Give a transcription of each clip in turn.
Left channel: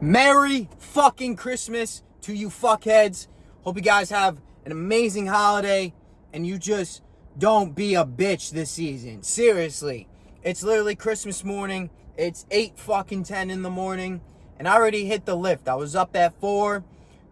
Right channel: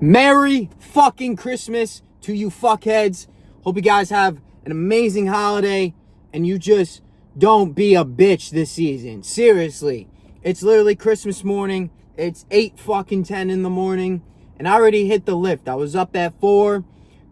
Merry fucking Christmas to you fuckheads. Hope you guys have an amazing holiday and you just don't be a bitch this season. Seriously. It's literally Christmas morning. It's 8 fucking 10 in the morning and I already hit the lift. I was up at 4,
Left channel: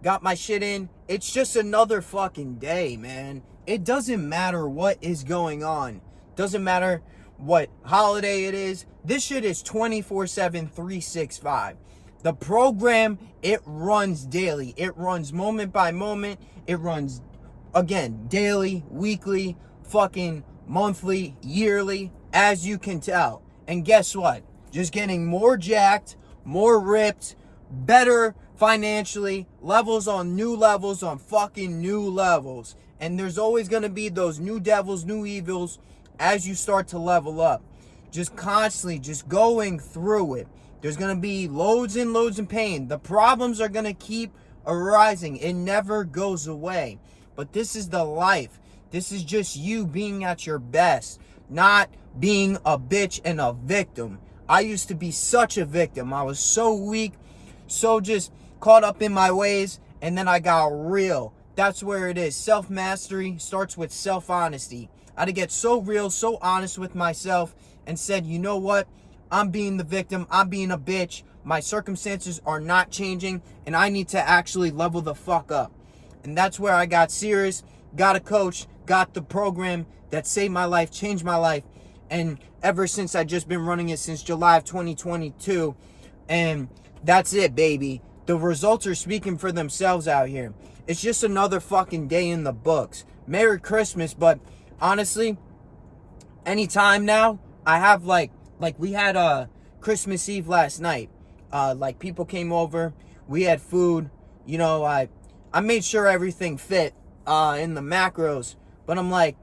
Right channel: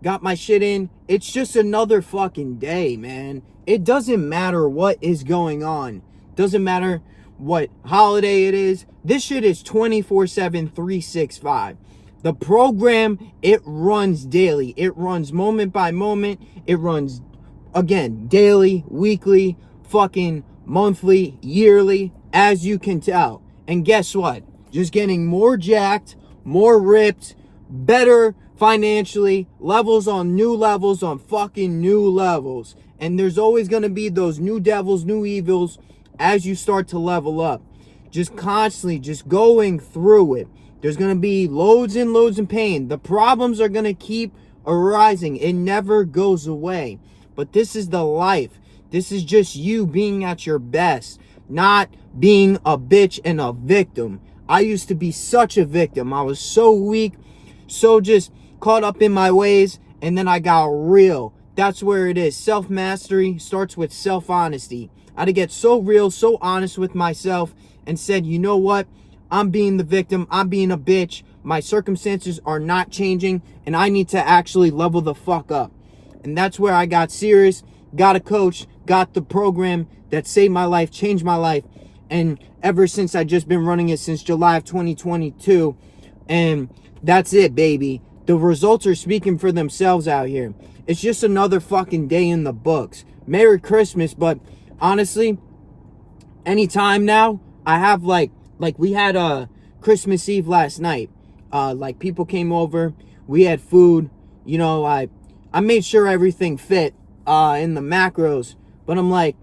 got my shit in. It's just another fucking day, man. It doesn't matter what is going on. Doesn't matter what holiday it is. This shit is 24/7, 365. The program, it runs daily. It runs moment by moment. It runs, again, daily, weekly, fucking monthly, yearly, as you can tell. And guess what? Just getting more jacked, more ripped, better financially, levels on fucking new levels. And there's always going to be those new devils, new evils as you start to level up. Just constantly, just going through it. There's going to be loads and loads of pain. The problems are going to keep arising. It never goes away. But this is the life. This is just you being at your best, not being a bitch and a victim. I used to be such a victim. I was so weak, so just caught up in my ways, and then I got real. That's where it is. Self-mastery starts with self-honesty. I had to get so real, so honest with myself, and said, you know what? I'm being the victim. I'm being a bitch. My circumstances are not changing, and I need to actually level the fuck up. And that's where I got serious, got a coach, got the program that saved my life, changed my life. And ever since, I've just been running it since July of 2022. And that's it, baby. The results are speaking for themselves out here. It's just another fucking day in the books. Merry Christmas, but honestly, anytime now, I have like we had a Christmas Eve last night. Like people came over, we had food. You know, I made sure everything fit in the macros, but I'm like,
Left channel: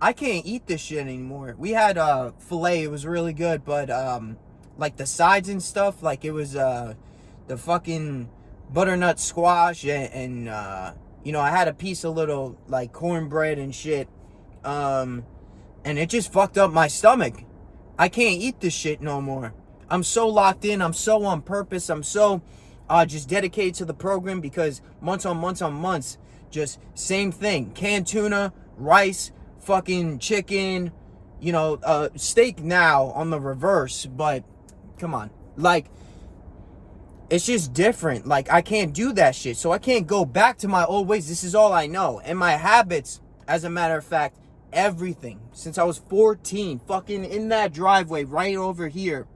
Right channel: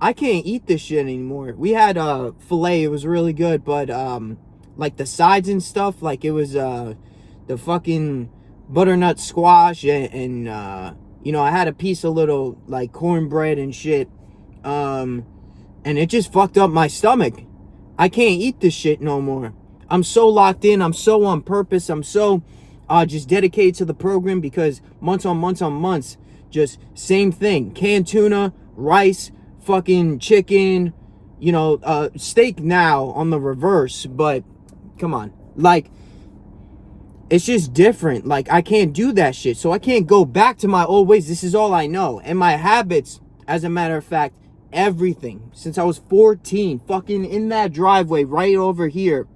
I can't eat this shit anymore. We had filet, it was really good, but like the sides and stuff, like it was the fucking butternut squash and you know, I had a piece of little like cornbread and shit, and it just fucked up my stomach. I can't eat this shit no more. I'm so locked in. I'm so on purpose. I'm so just dedicated to the program because months on months, just same thing. Canned tuna, rice, fucking chicken, you know, steak now on the reverse. But come on. Like, it's just different. Like, I can't do that shit. So I can't go back to my old ways. This is all I know. And my habits, as a matter of fact, everything since I was 14, fucking in that driveway right over here,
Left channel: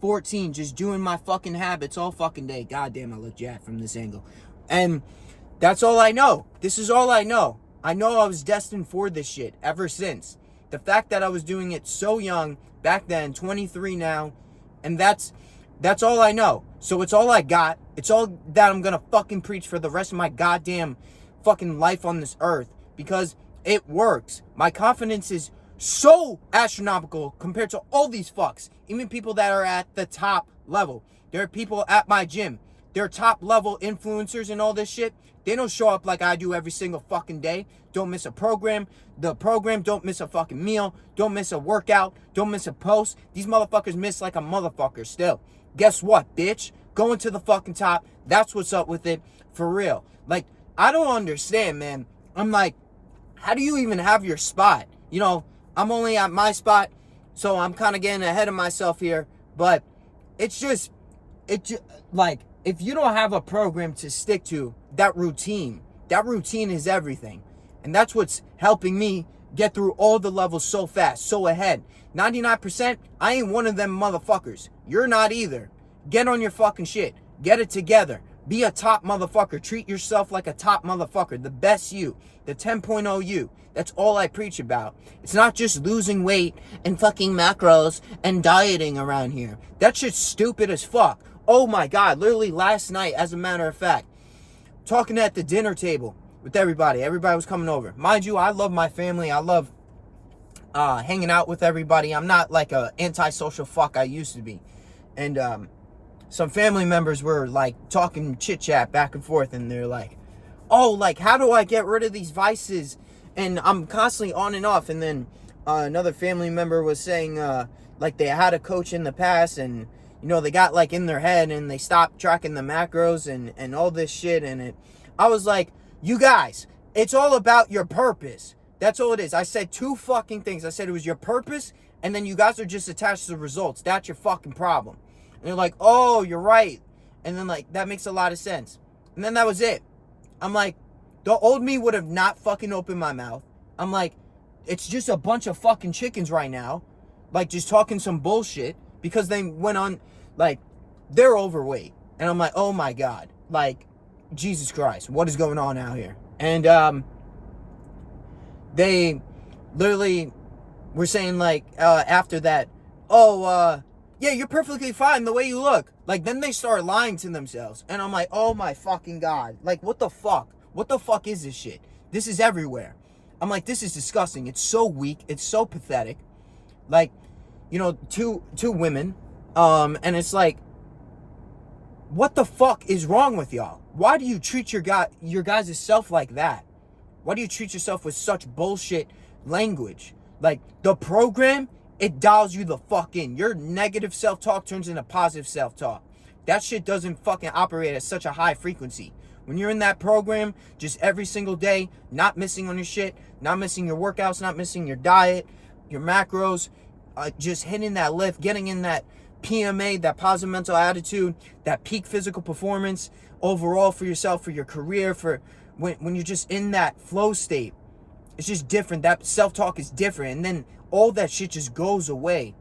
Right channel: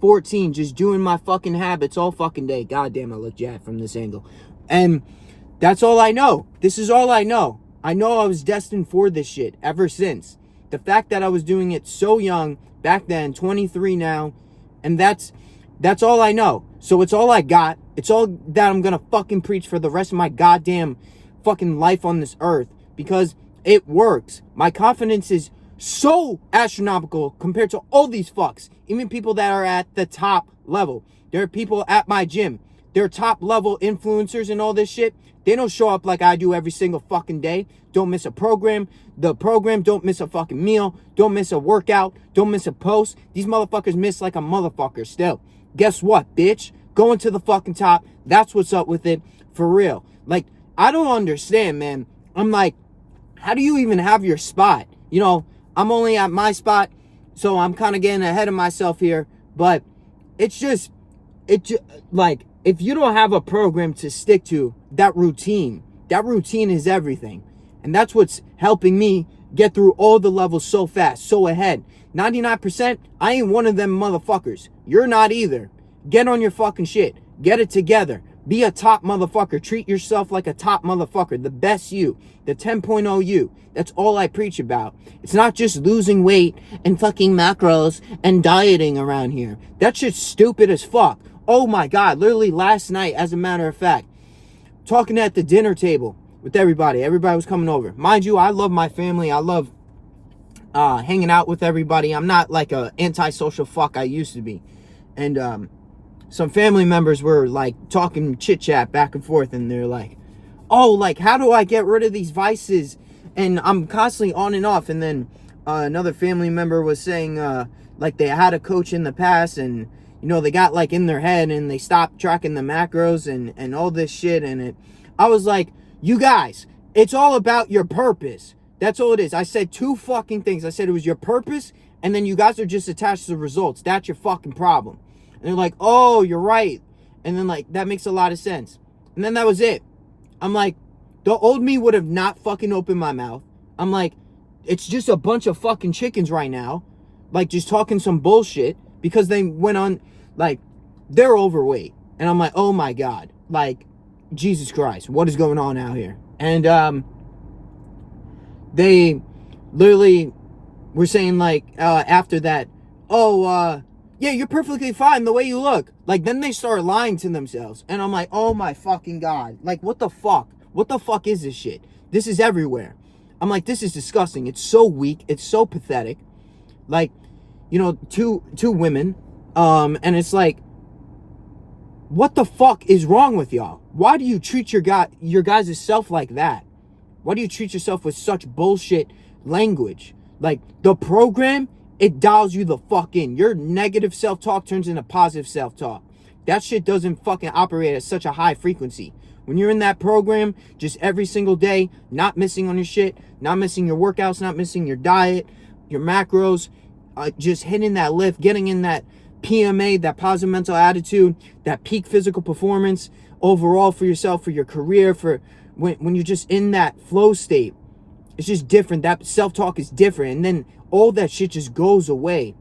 14, just doing my fucking habits all fucking day. God damn, I look jacked from this angle. And that's all I know. This is all I know. I know I was destined for this shit ever since. The fact that I was doing it so young back then, 23 now, and that's all I know. So it's all I got. It's all that I'm gonna fucking preach for the rest of my goddamn fucking life on this earth, because it works. My confidence is so astronomical compared to all these fucks. Even people that are at the top level. There are people at my gym. They're top level influencers and all this shit. They don't show up like I do every single fucking day. Don't miss a program. The program, don't miss a fucking meal. Don't miss a workout. Don't miss a post. These motherfuckers miss like a motherfucker still. Guess what, bitch? Going to the fucking top. That's what's up with it. For real. Like, I don't understand, man. I'm like, how do you even have your spot? You know, I'm only at my spot, so I'm kind of getting ahead of myself here. But it's just, like, if you don't have a program to stick to, that routine is everything. And that's what's helping me get through all the levels so fast, so ahead. 99%, I ain't one of them motherfuckers. You're not either. Get on your fucking shit. Get it together. Be a top motherfucker. Treat yourself like a top motherfucker. The best you. The 10.0 you. That's all I preach about. It's not just losing weight and fucking macros and dieting around here. That shit's stupid as fuck. Oh my God. Literally last night, as a matter of fact, talking at the dinner table with everybody. Everybody was coming over. Mind you, I love my family. I love hanging out with everybody. I'm not like a antisocial fuck I used to be. And some family members were like talking chit chat back and forth, and they're like, oh, like, how do I get rid of these vices? And I'm constantly on and off. And then another family member was saying like they had a coach in the past, and they got like in their head and they stopped tracking the macros and all this shit. And I was like, you guys, it's all about your purpose. That's all it is. I said 2 fucking things. I said it was your purpose, and then you guys are just attached to the results. That's your fucking problem. And they're like, oh, you're right. And then like, that makes a lot of sense. And then that was it. I'm like, the old me would have not fucking opened my mouth. I'm like, it's just a bunch of fucking chickens right now, like just talking some bullshit because they went on, like, they're overweight. And I'm like, oh my God, like, Jesus Christ, what is going on out here? And they literally were saying like, after that, oh, yeah, you're perfectly fine the way you look. Like, then they start lying to themselves. And I'm like, oh my fucking God. Like, what the fuck? What the fuck is this shit? This is everywhere. I'm like, this is disgusting. It's so weak. It's so pathetic. Like, two women. And it's like, what the fuck is wrong with y'all? Why do you treat your guys' self like that? Why do you treat yourself with such bullshit language? Like, the program, it dials you the fuck in. Your negative self-talk turns into positive self-talk. That shit doesn't fucking operate at such a high frequency. When you're in that program, just every single day, not missing on your shit, not missing your workouts, not missing your diet, your macros, just hitting that lift, getting in that PMA, that positive mental attitude, that peak physical performance overall for yourself, for your career, for when you're just in that flow state. It's just different. That self-talk is different. And then all that shit just goes away.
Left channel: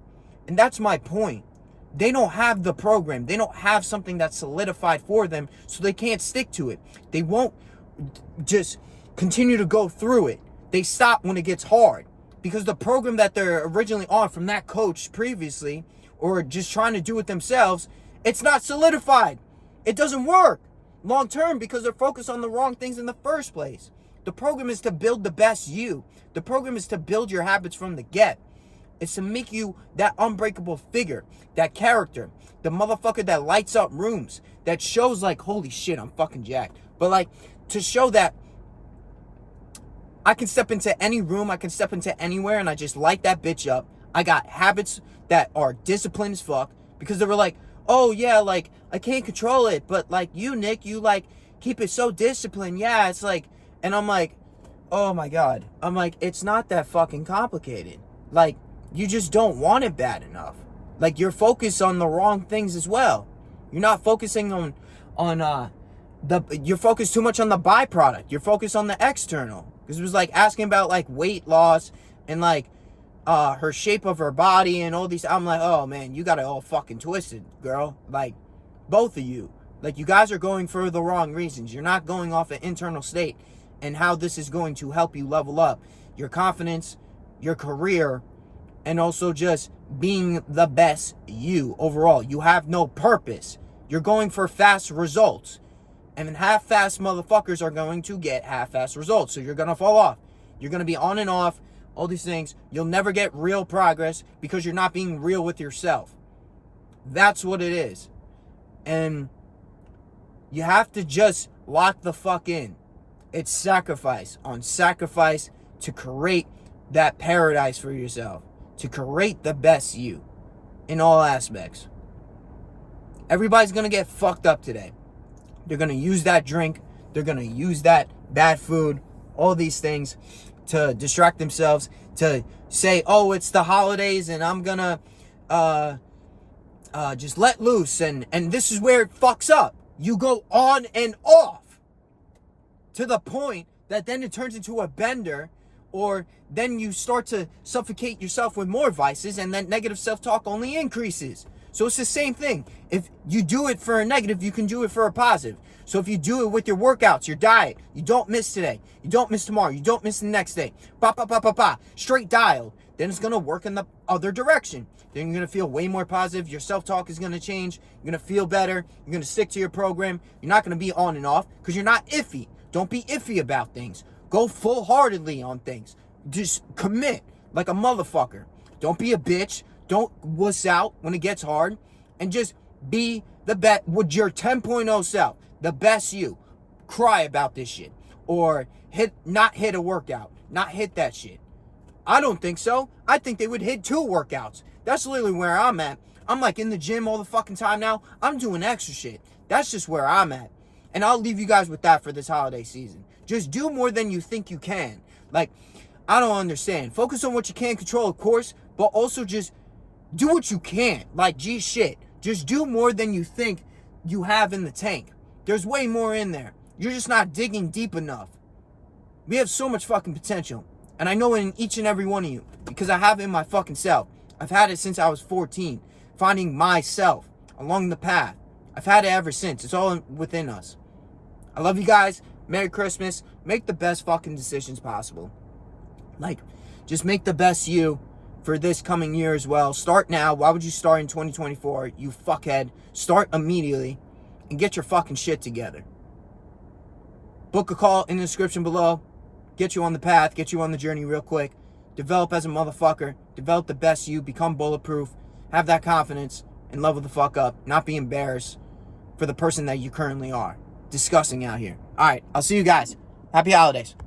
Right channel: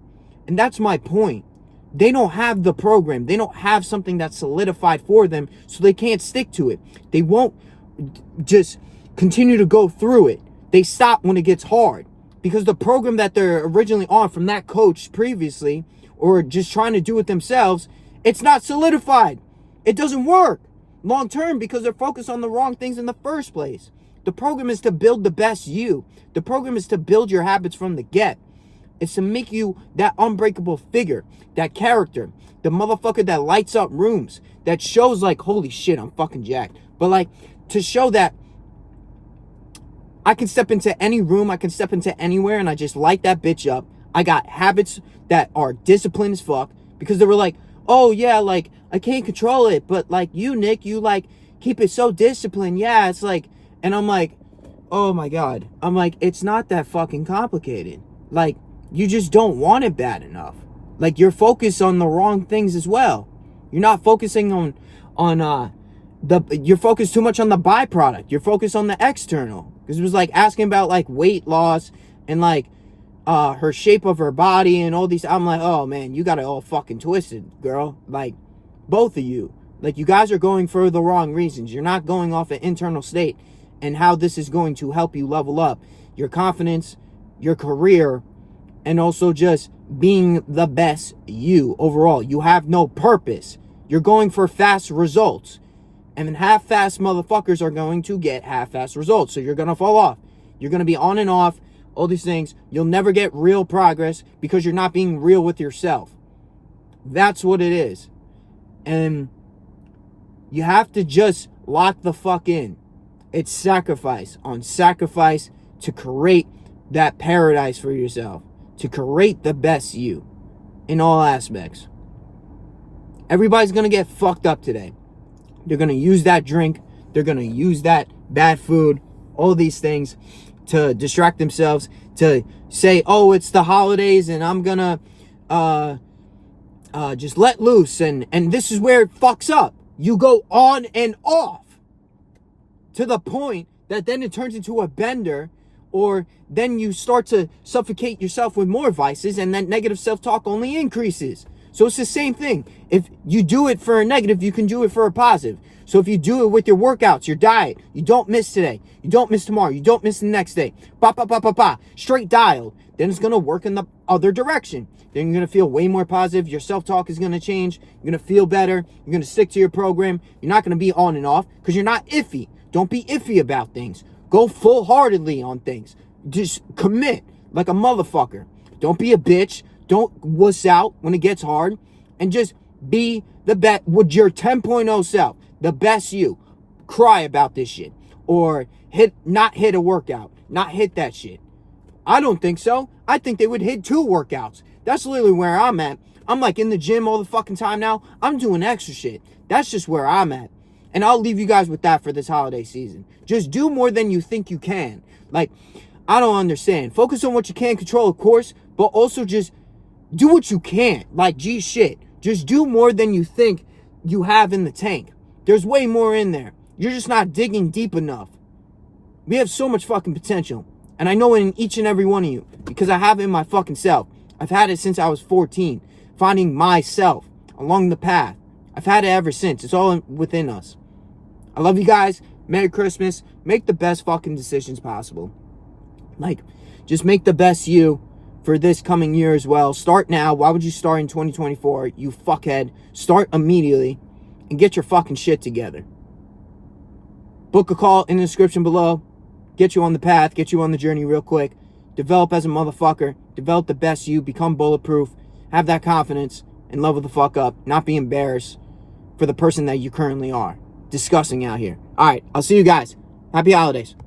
And that's my point. They don't have the program. They don't have something that's solidified for them, so they can't stick to it. They won't just continue to go through it. They stop when it gets hard because the program that they're originally on from that coach previously, or just trying to do it themselves, it's not solidified. It doesn't work long term because they're focused on the wrong things in the first place. The program is to build the best you. The program is to build your habits from the get. It's to make you that unbreakable figure, that character, the motherfucker that lights up rooms, that shows like, holy shit, I'm fucking jacked. But like, to show that I can step into any room, I can step into anywhere, and I just light that bitch up. I got habits that are disciplined as fuck, because they were like, oh yeah, like, I can't control it, but like, you, Nick, you like, keep it so disciplined. Yeah, it's like, and I'm like, oh my God. I'm like, it's not that fucking complicated. Like, you just don't want it bad enough. Like, you're focused on the wrong things as well. You're not focusing you're focused too much on the byproduct. You're focused on the external. Because it was like asking about like weight loss and like her shape of her body and all these. I'm like, oh man, you got it all fucking twisted, girl. Like, both of you. Like, you guys are going for the wrong reasons. You're not going off an internal state and how this is going to help you level up your confidence, your career, and also just being the best you overall. You have no purpose. You're going for fast results. And then half-fast motherfuckers are going to get half-fast results. So you're going to fall off. You're going to be on and off, all these things. You'll never get real progress because you're not being real with yourself. That's what it is. And you have to just lock the fuck in. It's sacrifice on sacrifice to create that paradise for yourself. To create the best you in all aspects. Everybody's going to get fucked up today. They're going to use that drink. They're going to use that bad food, all these things to distract themselves, to say, oh, it's the holidays and I'm going to just let loose. And this is where it fucks up. You go on and off to the point that then it turns into a bender, or then you start to suffocate yourself with more vices, and that negative self-talk only increases. So it's the same thing. If you do it for a negative, you can do it for a positive. So if you do it with your workouts, your diet, you don't miss today, you don't miss tomorrow, you don't miss the next day, straight dialed, then it's going to work in the other direction. Then you're going to feel way more positive. Your self-talk is going to change. You're going to feel better. You're going to stick to your program. You're not going to be on and off because you're not iffy. Don't be iffy about things. Go full-heartedly on things. Just commit like a motherfucker. Don't be a bitch. Don't wuss out when it gets hard. And just be the best with your 10.0 self. The best you. Cry about this shit. Or not hit a workout. Not hit that shit. I don't think so. I think they would hit 2 workouts. That's literally where I'm at. I'm like in the gym all the fucking time now. I'm doing extra shit. That's just where I'm at. And I'll leave you guys with that for this holiday season. Just do more than you think you can. Like, I don't understand. Focus on what you can control, of course, but also just do what you can't. Like, gee shit. Just do more than you think you have in the tank. There's way more in there. You're just not digging deep enough. We have so much fucking potential. And I know it in each and every one of you. Because I have it in my fucking self. I've had it since I was 14. Finding myself along the path. I've had it ever since. It's all within us. I love you guys. Merry Christmas. Make the best fucking decisions possible. Like, just make the best you for this coming year as well. Start now. Why would you start in 2024? You fuckhead. Start immediately and get your fucking shit together. Book a call in the description below. Get you on the path. Get you on the journey real quick. Develop as a motherfucker. Develop the best you. Become bulletproof. Have that confidence and level the fuck up. Not be embarrassed for the person that you currently are. Disgusting out here. All right, I'll see you guys. Happy holidays.